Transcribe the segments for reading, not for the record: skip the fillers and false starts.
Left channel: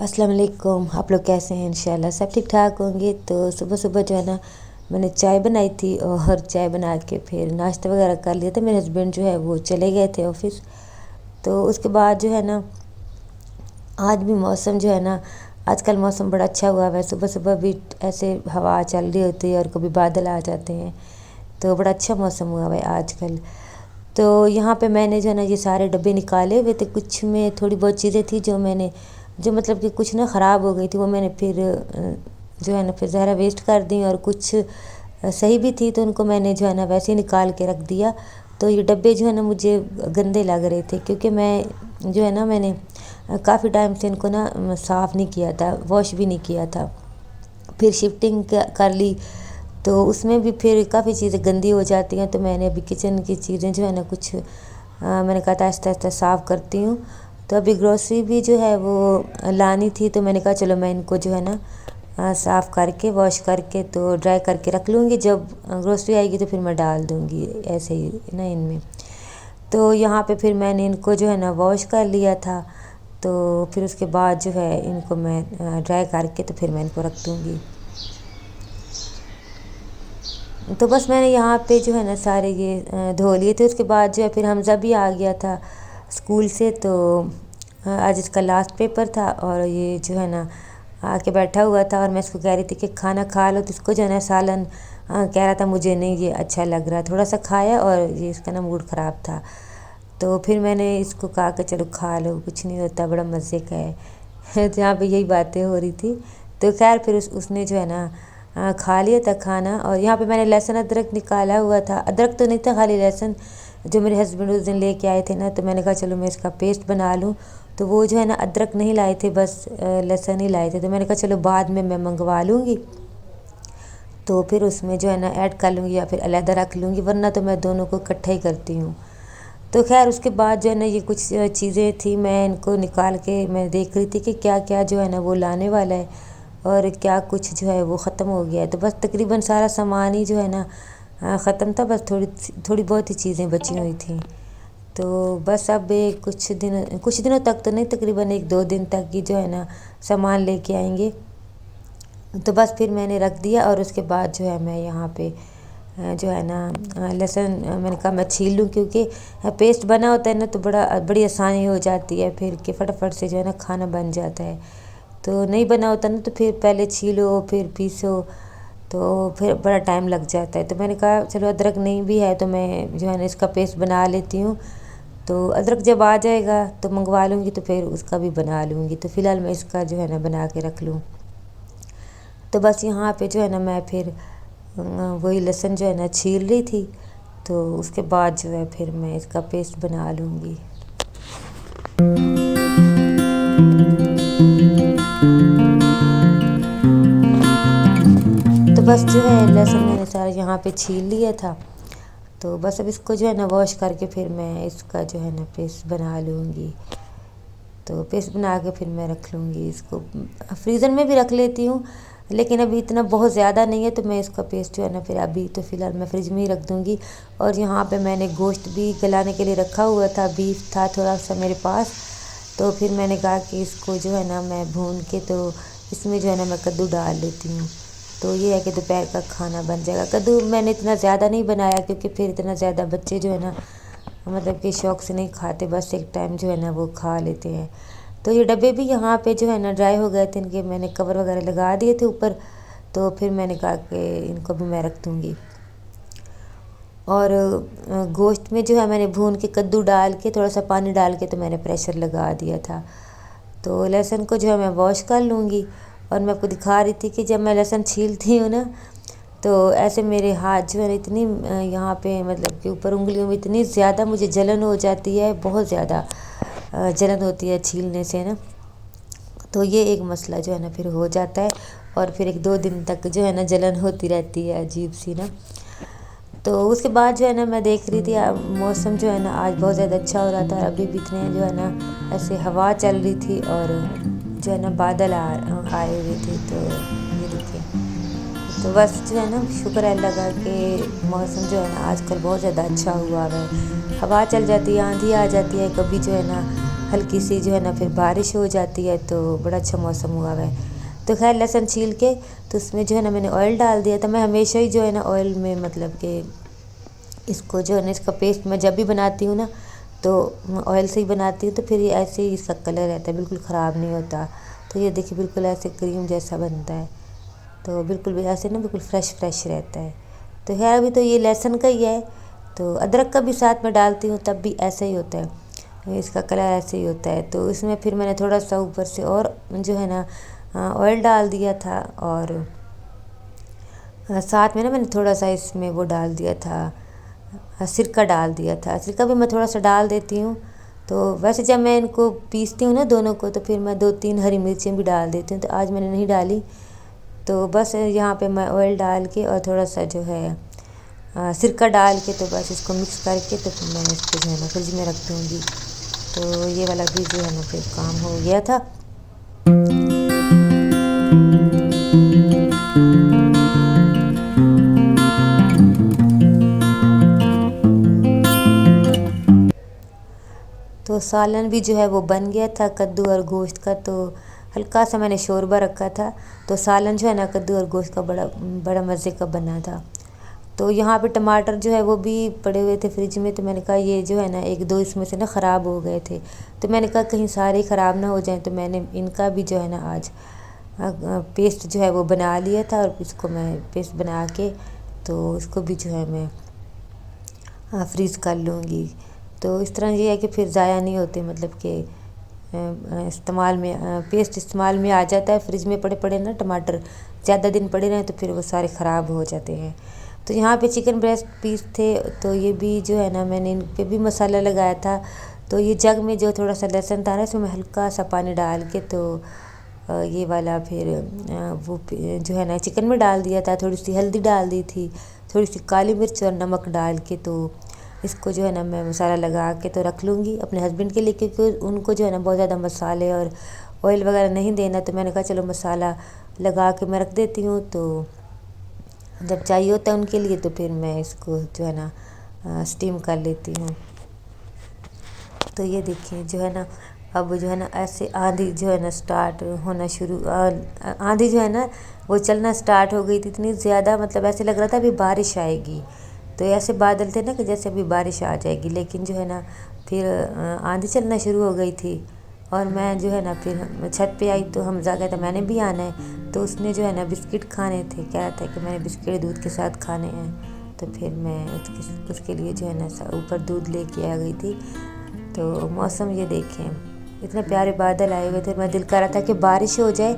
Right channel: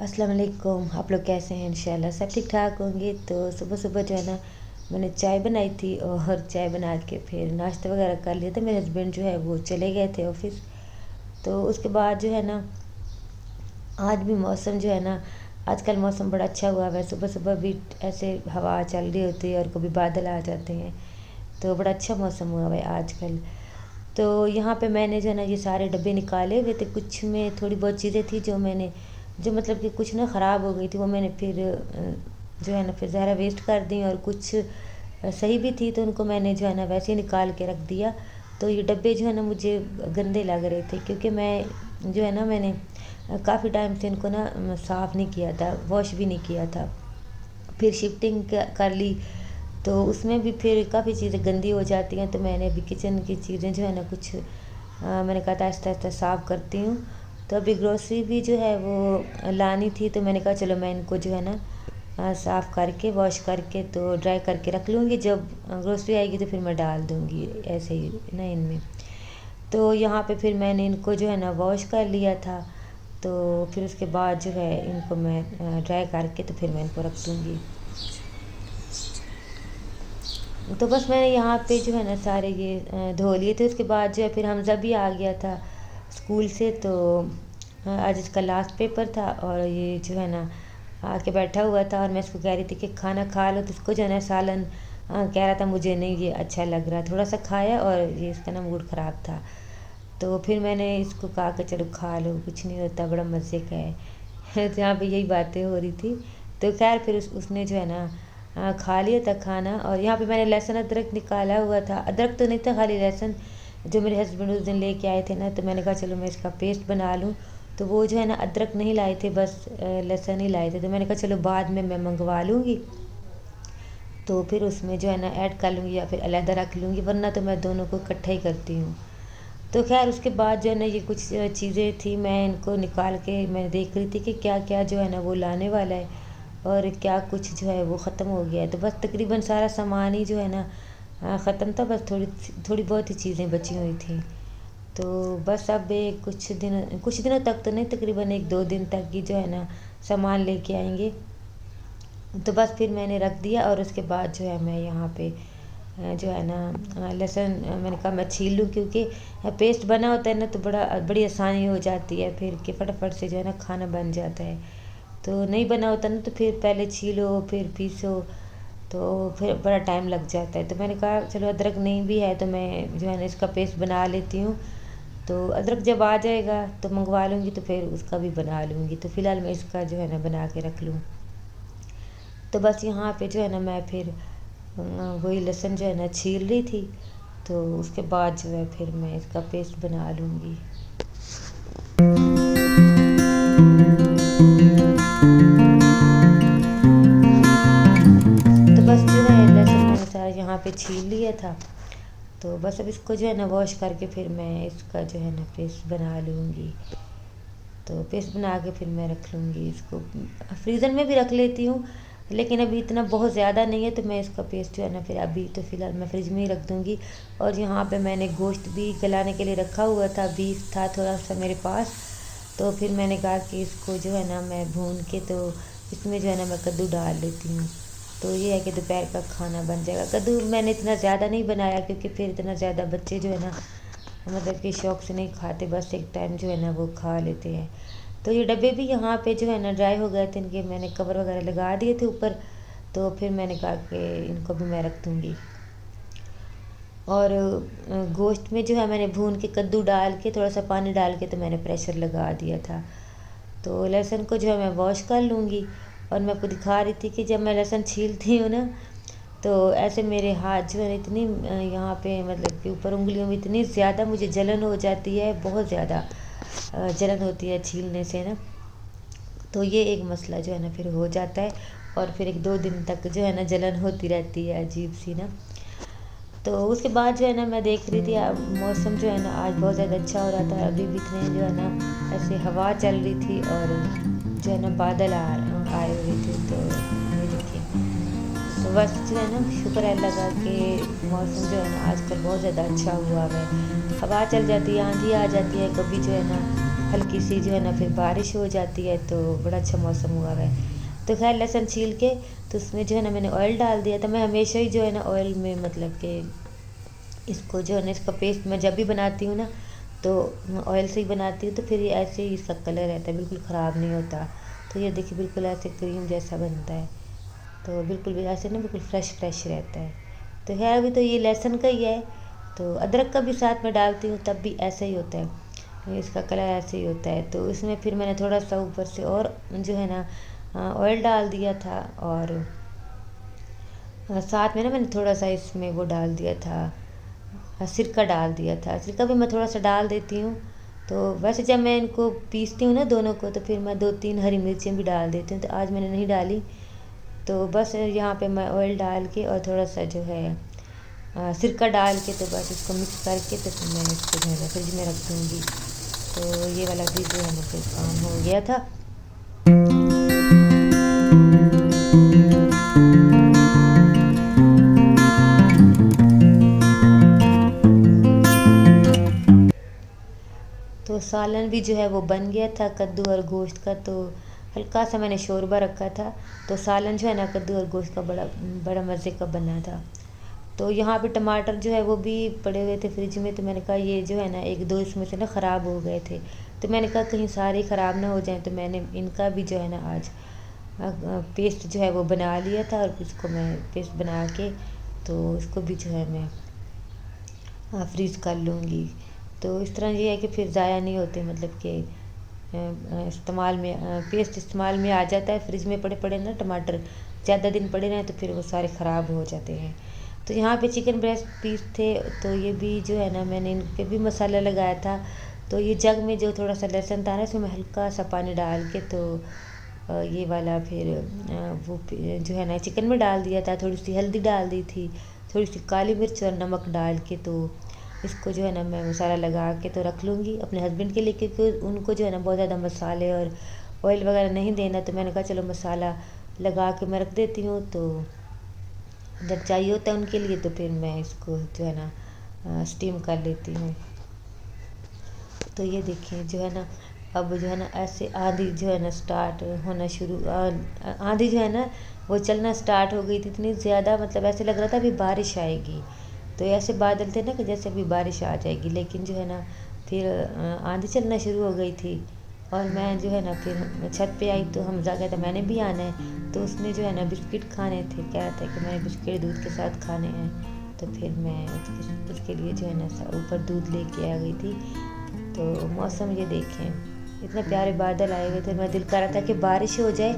अस्सलाम वालेकुम। आप लोग कैसे हैं? इंशाल्लाह सब ठीक ठाक होंगे। तो सुबह सुबह जो है ना मैंने चाय बनाई थी और चाय बना के फिर नाश्ता वगैरह कर लिया था। मेरे हस्बैंड जो है वो चले गए थे ऑफ़िस। तो उसके बाद जो है ना आज भी मौसम जो है ना आजकल मौसम बड़ा अच्छा हुआ है। सुबह सुबह भी ऐसे हवा चल रही होती है और कभी बादल आ जाते हैं, तो बड़ा अच्छा मौसम हुआ है आजकल। तो यहाँ पे मैंने जो है ना ये सारे डब्बे निकाले हुए थे। कुछ में थोड़ी बहुत चीज़ें थी जो मतलब कि कुछ ना ख़राब हो गई थी, वो मैंने फिर जो है ना फिर ज़रा वेस्ट कर दी, और कुछ सही भी थी तो उनको मैंने जो है ना वैसे ही निकाल के रख दिया। तो ये डब्बे जो है ना मुझे गंदे लग रहे थे, क्योंकि मैं जो है ना मैंने काफ़ी टाइम से इनको ना साफ़ नहीं किया था, वॉश भी नहीं किया था। फिर शिफ्टिंग कर ली तो उसमें भी फिर काफ़ी चीज़ें गंदी हो जाती हैं। तो मैंने अभी किचन की चीज़ें जो है ना कुछ मैंने कहा था आहिस्ता आहिस्ता साफ़ करती हूँ। तो अभी ग्रोसरी भी जो है वो लानी थी, तो मैंने कहा चलो मैं इनको जो है ना साफ़ करके वॉश करके तो ड्राई करके रख लूँगी। जब ग्रोसरी आएगी तो फिर मैं डाल दूँगी ऐसे ही ना इनमें। तो यहाँ पे फिर मैंने इनको जो है ना वॉश कर लिया था। तो फिर उसके बाद जो है इनको मैं ड्राई करके तो फिर मैं इनको रख दूँगी। तो बस मैंने यहाँ पे जो है ना सारे ये धो लिए थे। उसके बाद जो है फिर हमज़ा भी आ गया था स्कूल से। तो आज इसका लास्ट पेपर था और ये जो है ना आके बैठा हुआ था, और मैं इसको कह रही थी कि खाना खा लो, तो इसको जो है ना सालन कह रहा था मुझे नहीं ये अच्छा लग रहा। थोड़ा सा खाया और ये इसका ना मूड ख़राब था। तो फिर मैंने इसको कहा कि चलो खा लो, कुछ नहीं होता, बड़ा मज़े का है। जहाँ पे यही बातें हो रही थी। तो खैर फिर उसने जो है ना खा लिया था खाना। और यहाँ पे मैंने लहसुन अदरक निकाला हुआ था। अदरक तो नहीं था, खाली लहसुन जो मेरे हस्बैंड उस दिन लेके आए थे ना, तो मैंने कहा चलो मैं इसका पेस्ट बना लूँ। तो वो जो है ना अदरक नहीं लाए थे, बस लहसुन ही लाए थे। तो मैंने कहा चलो बाद में मैं मंगवा लूँगी, तो फिर उसमें जो है ना ऐड कर लूँगी या फिर अलहदा रख लूँगी, वरना तो मैं दोनों को इकट्ठा ही करती हूँ। तो खैर उसके बाद जो है ना ये कुछ चीज़ें थी, मैं इनको निकाल के मैं देख रही थी कि क्या क्या जो है ना वो लाने वाला है और क्या कुछ जो है वो ख़त्म हो गया है। तो बस तकरीबन सारा सामान ही जो है ना ख़त्म था, बस थोड़ी बहुत ही चीज़ें बची हुई थी। तो बस अब कुछ दिनों तक तो नहीं, तकरीबन 1-2 दिन तक ही जो है ना सामान लेके आएंगे। तो बस फिर मैंने रख दिया, और उसके बाद जो है मैं यहाँ पे जो है ना लहसुन मैंने कहा मैं छील लूँ, क्योंकि पेस्ट बना होता है ना तो बड़ी आसानी हो जाती है फिर कि फटाफट से जो है ना खाना बन जाता है। तो नहीं बना होता ना तो फिर पहले छीलो फिर पीसो, तो फिर बड़ा टाइम लग जाता है। तो मैंने कहा चलो अदरक नहीं भी है तो मैं जो है ना इसका पेस्ट बना लेती हूँ। तो अदरक जब आ जाएगा तो मंगवा लूँगी, तो फिर उसका भी बना लूँगी। तो फ़िलहाल मैं इसका जो है ना बना के रख लूँ। तो बस यहाँ पे जो है ना मैं फिर वही लहसुन जो है ना छील रही थी। तो उसके बाद जो है फिर मैं इसका पेस्ट बना लूँगी। तो बस जो है लहसुन मैंने सारा यहाँ पे छील लिया था। तो बस अब इसको जो है ना वॉश करके फिर मैं इसका जो है ना पेस्ट बना लूँगी। तो पेस्ट बना के फिर मैं रख लूँगी इसको, फ्रीज़र में भी रख लेती हूँ, लेकिन अभी इतना बहुत ज़्यादा नहीं है, तो मैं इसका पेस्ट जो है ना फिर अभी तो फ़िलहाल मैं फ्रिज में ही रख दूँगी। और यहाँ पे मैंने गोश्त भी गलाने के लिए रखा हुआ था, बीफ था थोड़ा सा मेरे पास। तो फिर मैंने कहा कि इसको जो है ना मैं भून के तो इसमें जो है ना मैं कद्दू डाल लेती हूँ। तो ये है कि दोपहर का खाना बन जाएगा। कद्दू मैंने इतना ज़्यादा नहीं बनाया, क्योंकि फिर इतना ज़्यादा बच्चे जो है ना मतलब कि शौक़ से नहीं खाते, बस एक टाइम जो है ना वो खा लेते हैं। तो ये डब्बे भी यहाँ पे जो है ना ड्राई हो गए थे, इनके मैंने कवर वगैरह लगा दिए थे ऊपर। तो फिर मैंने कहा कि इनको भी मैं रख दूँगी। और गोश्त में जो है मैंने भून के कद्दू डाल के थोड़ा सा पानी डाल के तो मैंने प्रेशर लगा दिया था। तो लहसुन को जो है मैं वॉश कर लूँगी। और मैं आपको दिखा रही थी कि जब मैं लहसुन छीलती हूँ ना, तो ऐसे मेरे हाथ जो है ना इतनी यहाँ पे मतलब कि ऊपर उंगलियों में इतनी ज़्यादा मुझे जलन हो जाती है, बहुत ज़्यादा जलन होती है छीलने से ना। तो ये एक मसला जो है ना फिर हो जाता है, और फिर 1-2 दिन तक जो है ना जलन होती रहती है अजीब सी ना। तो उसके बाद जो है ना मैं देख रही थी मौसम जो है ना आज बहुत ज़्यादा अच्छा हो रहा था। अभी भी इतने जो है ना ऐसे हवा चल रही थी और जो है ना बादल आए हुए थे। तो ये देखिए, तो बस जो है ना शुक्र है अल्लाह का कि मौसम जो है ना आजकल बहुत ज़्यादा अच्छा हुआ है। हवा चल जाती है, आंधी आ जाती है, कभी जो है ना हल्की सी जो है ना फिर बारिश हो जाती है, तो बड़ा अच्छा मौसम हुआ हुआ है। तो खैर लहसुन छील के तो उसमें जो है ना मैंने ऑयल डाल दिया था। मैं हमेशा ही जो है ना ऑयल में मतलब कि इसको जो है ना इसका पेस्ट मैं जब भी बनाती हूँ ना तो ऑयल से ही बनाती हूँ, तो फिर ये ऐसे ही इसका कलर रहता है, बिल्कुल ख़राब नहीं होता। तो ये देखिए बिल्कुल ऐसे क्रीम जैसा बनता है, तो बिल्कुल भी ऐसे ना बिल्कुल फ्रेश फ्रेश रहता है। तो खैर अभी तो ये लहसुन का ही है, तो अदरक का भी साथ में डालती हूँ तब भी ऐसा ही होता है, इसका कलर ऐसे ही होता है। तो इसमें फिर मैंने थोड़ा सा ऊपर से और जो है ना ऑयल डाल दिया था, और साथ में ना मैंने थोड़ा सा इसमें वो डाल दिया था, सिरका डाल दिया था। सिरका भी मैं थोड़ा सा डाल देती हूँ। तो वैसे जब मैं इनको पीसती हूँ ना दोनों को, तो फिर मैं 2-3 हरी मिर्चें भी डाल देती हूँ, तो आज मैंने नहीं डाली। तो बस यहाँ पे मैं ऑयल डाल के और थोड़ा सा जो है सिरका डाल के तो बस इसको मिक्स करके तो फिर मैं इसको जो है ना फ्रिज में रख दूँगी। तो ये वाला भी जो है ना फिर काम हो गया था। तो सालन भी जो है वो बन गया था कद्दू और गोश्त का। तो हल्का सा मैंने शोरबा रखा था, तो सालन जो है ना कद्दू और गोश्त का बड़ा बड़ा मज़े का बना था। तो यहाँ पे टमाटर जो है वो भी पड़े हुए थे फ्रिज में, तो मैंने कहा ये जो है ना 1-2 इसमें से ना ख़राब हो गए थे, तो मैंने कहा कहीं सारे ख़राब ना हो जाएं, तो मैंने इनका भी जो है ना आज पेस्ट जो है वो बना लिया था, और इसको मैं पेस्ट बना के तो इसको भी जो है मैं फ्रीज़ कर लूँगी। तो इस तरह ये है कि फिर ज़ाया नहीं होते, मतलब कि इस्तेमाल में पेस्ट इस्तेमाल में आ जाता है। फ्रिज में पड़े पड़े ना टमाटर ज़्यादा दिन पड़े रहें तो फिर वो सारे ख़राब हो जाते हैं। तो यहाँ पे चिकन ब्रेस्ट पीस थे, तो ये भी जो है ना मैंने इन पे भी मसाला लगाया था। तो ये जग में जो थोड़ा सा लहसुन था ना, इसमें हल्का सा पानी डाल के तो ये वाला फिर वो जो है ना चिकन में डाल दिया था। थोड़ी सी हल्दी डाल दी थी, थोड़ी सी काली मिर्च और नमक डाल के तो इसको जो है ना मैं मसाला लगा के तो रख लूँगी अपने हस्बैंड के लिए, क्योंकि उनको जो है ना बहुत ज़्यादा मसाले और ऑयल वगैरह नहीं देना। तो मैंने कहा चलो मसाला लगा के मैं रख देती हूँ, तो जब चाहिए होता है उनके लिए तो फिर मैं इसको जो है ना स्टीम कर लेती हूँ। तो ये देखिए जो है ना अब जो है ना ऐसे आंधी जो है ना स्टार्ट होना शुरू आंधी जो है ना वो चलना स्टार्ट हो गई थी इतनी ज़्यादा, मतलब ऐसे लग रहा था अभी बारिश आएगी। तो ऐसे बादल थे ना कि जैसे अभी बारिश आ जाएगी, लेकिन जो है ना फिर आंधी चलना शुरू हो गई थी। और मैं जो है ना फिर छत पे आई, तो हमज़ा कहता मैंने भी आना है। तो उसने जो है ना बिस्किट खाने थे, कह रहा था कि मैंने बिस्किट दूध के साथ खाने हैं। तो फिर मैं उसके लिए जो है ना ऊपर दूध लेके आ गई थी। तो मौसम ये देखें, इतने प्यारे बादल आए हुए थे, मैं दिल कर रहा था कि बारिश हो जाए,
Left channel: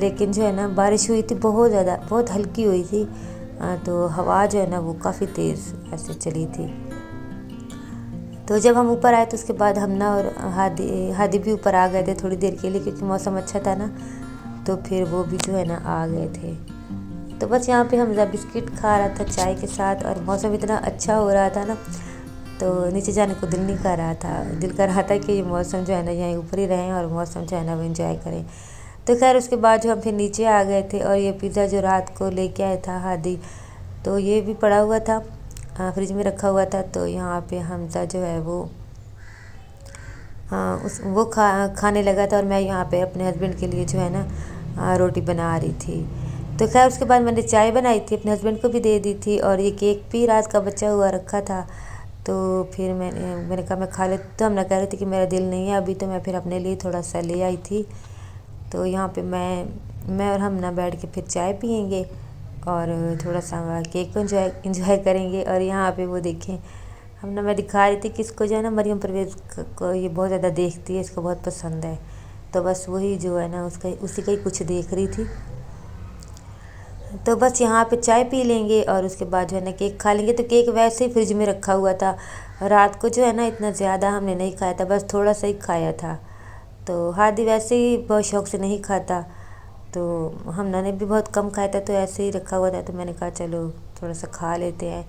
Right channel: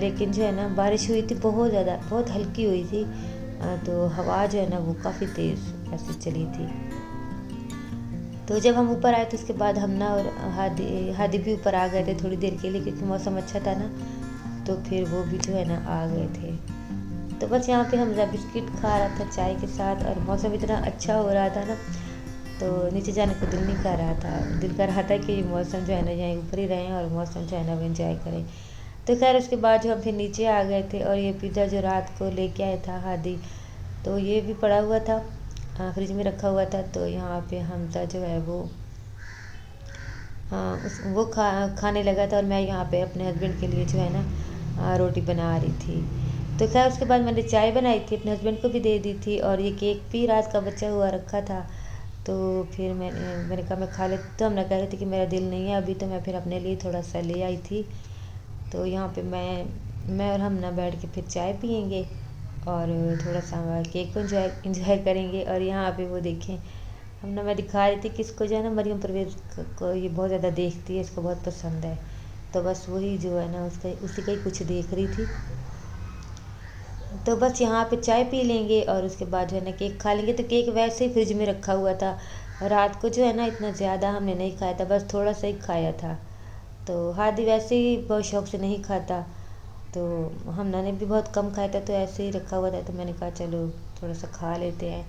लेकिन जो है ना बारिश हुई थी बहुत ज़्यादा, बहुत हल्की हुई थी। तो हवा जो है ना वो काफ़ी तेज़ ऐसे चली थी। तो जब हम ऊपर आए तो उसके बाद हम ना और हादी भी ऊपर आ गए थे थोड़ी देर के लिए, क्योंकि मौसम अच्छा था ना, तो फिर वो भी जो है ना आ गए थे। तो बस यहाँ पे हमज़ा बिस्किट खा रहा था चाय के साथ, और मौसम इतना अच्छा हो रहा था ना, तो नीचे जाने को दिल नहीं कर रहा था। दिल कर रहा था कि ये मौसम जो है ना यहीं ऊपर ही रहें और मौसम जो है ना वो एंजॉय करें। तो खैर उसके बाद जो हम फिर नीचे आ गए थे, और ये पिज़्ज़ा जो रात को लेके आया था हादी, तो ये भी पड़ा हुआ था फ्रिज में रखा हुआ था। तो यहाँ पे हमज़ा जो है वो वो खाने लगा था, और मैं यहाँ पे अपने हस्बैंड के लिए जो है ना रोटी बना रही थी। तो खैर उसके बाद मैंने चाय बनाई थी, अपने हस्बैंड को भी दे दी थी, और ये केक भी रात का बचा हुआ रखा था। तो फिर मैंने कहा मैं खा लेती, तो हम ना कह रहे थे कि मेरा दिल नहीं है अभी, तो मैं फिर अपने लिए थोड़ा सा ले आई थी। तो यहाँ पे मैं और हम ना बैठ के फिर चाय पियेंगे और थोड़ा सा केक को इंजॉय करेंगे। और यहाँ पे वो देखें मैं दिखा रही थी कि इसको जो है ना मरियम परवेज़ को ये बहुत ज़्यादा देखती है, इसको बहुत पसंद है। तो बस वही जो है ना उसी का ही कुछ देख रही थी। तो बस यहाँ पे चाय पी लेंगे और उसके बाद जो है ना केक खा लेंगे। तो केक वैसे ही फ्रिज में रखा हुआ था, रात को जो है ना इतना ज़्यादा हमने नहीं खाया था, बस थोड़ा सा ही खाया था। तो हादी वैसे ही बहुत शौक़ से नहीं खाता, तो हमने भी बहुत कम खाया था, तो ऐसे ही रखा हुआ था। तो मैंने कहा चलो थोड़ा सा खा लेते हैं।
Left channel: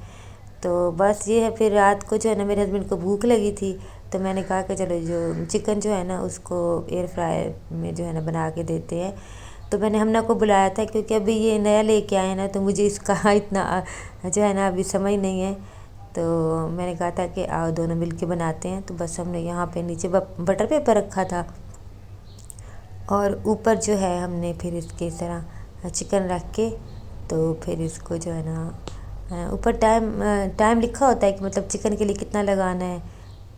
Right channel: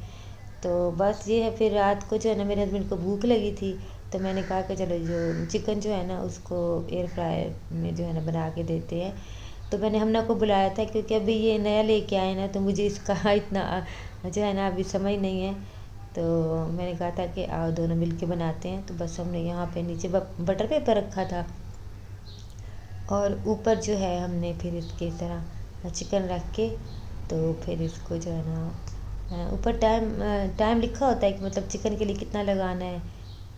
तो बस ये है, फिर रात को जो है ना मेरे हस्बैंड को भूख लगी थी, तो मैंने कहा कि चलो जो चिकन जो है ना उसको एयर फ्रायर में जो है ना बना के देते हैं। तो मैंने हमना को बुलाया था, क्योंकि अभी ये नया लेके आए ना, तो मुझे इसका इतना जो है ना अभी समझ नहीं है। تو میں نے کہا تھا کہ آؤ دونوں مل کے بناتے ہیں، تو بس ہم نے یہاں پہ نیچے بٹر پیپر رکھا تھا اور اوپر جو ہے ہم نے پھر اس کے اس طرح چکن رکھ کے تو پھر اس کو جو ہے نا اوپر ٹائم لکھا ہوتا ہے کہ مطلب چکن کے لیے کتنا لگانا ہے،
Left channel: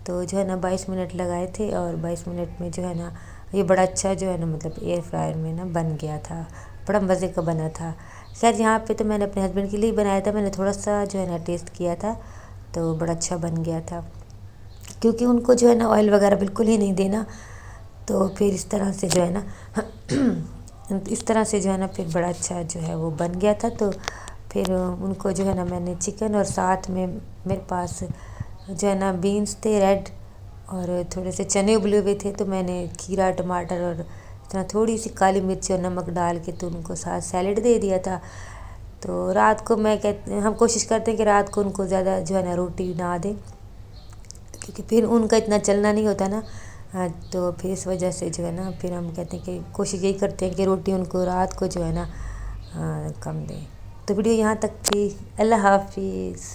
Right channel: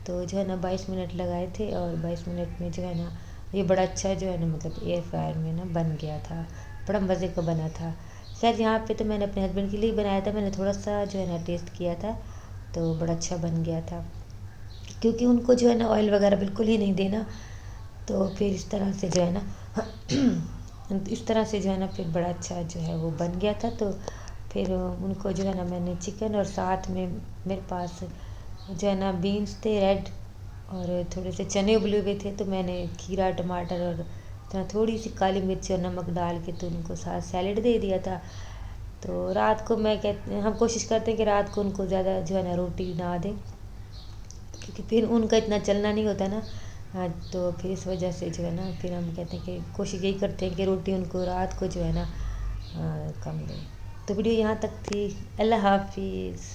تو جو ہے نا 22 منٹ لگائے تھے اور 22 منٹ میں جو ہے نا یہ بڑا اچھا جو ہے نا مطلب ایئر فرائر میں نا بن گیا تھا، بڑا مزے کا بنا تھا۔ خیر یہاں پہ تو میں نے اپنے ہسبینڈ کے لیے بنایا تھا، میں نے تھوڑا سا جو ہے نا ٹیسٹ کیا تھا تو بڑا اچھا بن گیا تھا، کیونکہ ان کو جو ہے نا آئل وغیرہ بالکل ہی نہیں دینا، تو پھر اس طرح سے جو ہے نا اس طرح سے جو ہے نا پھر بڑا اچھا جو ہے وہ بن گیا تھا۔ تو پھر ان کو جو ہے نا میں نے چکن اور ساتھ میں میرے پاس جو ہے نا بینس تھے ریڈ اور تھوڑے سے چنے ابلے ہوئے تھے، تو میں نے کھیرا ٹماٹر اور تھوڑی سی کالی مرچ اور نمک ڈال کے تو ان کو ساتھ سیلیڈ دے دیا تھا۔ تو رات کو ہم کوشش کرتے ہیں کہ رات کو ان کو زیادہ جو ہے نا روٹی نہ دیں، کیونکہ پھر ان کا اتنا چلنا نہیں ہوتا نا، تو پھر اس وجہ سے جو ہے نا پھر ہم کہتے ہیں کہ کوشش یہی کرتے ہیں کہ روٹی ان کو رات کو جو ہے نا کم دیں۔ تو ویڈیو یہاں تک تھی، اللہ حافظ۔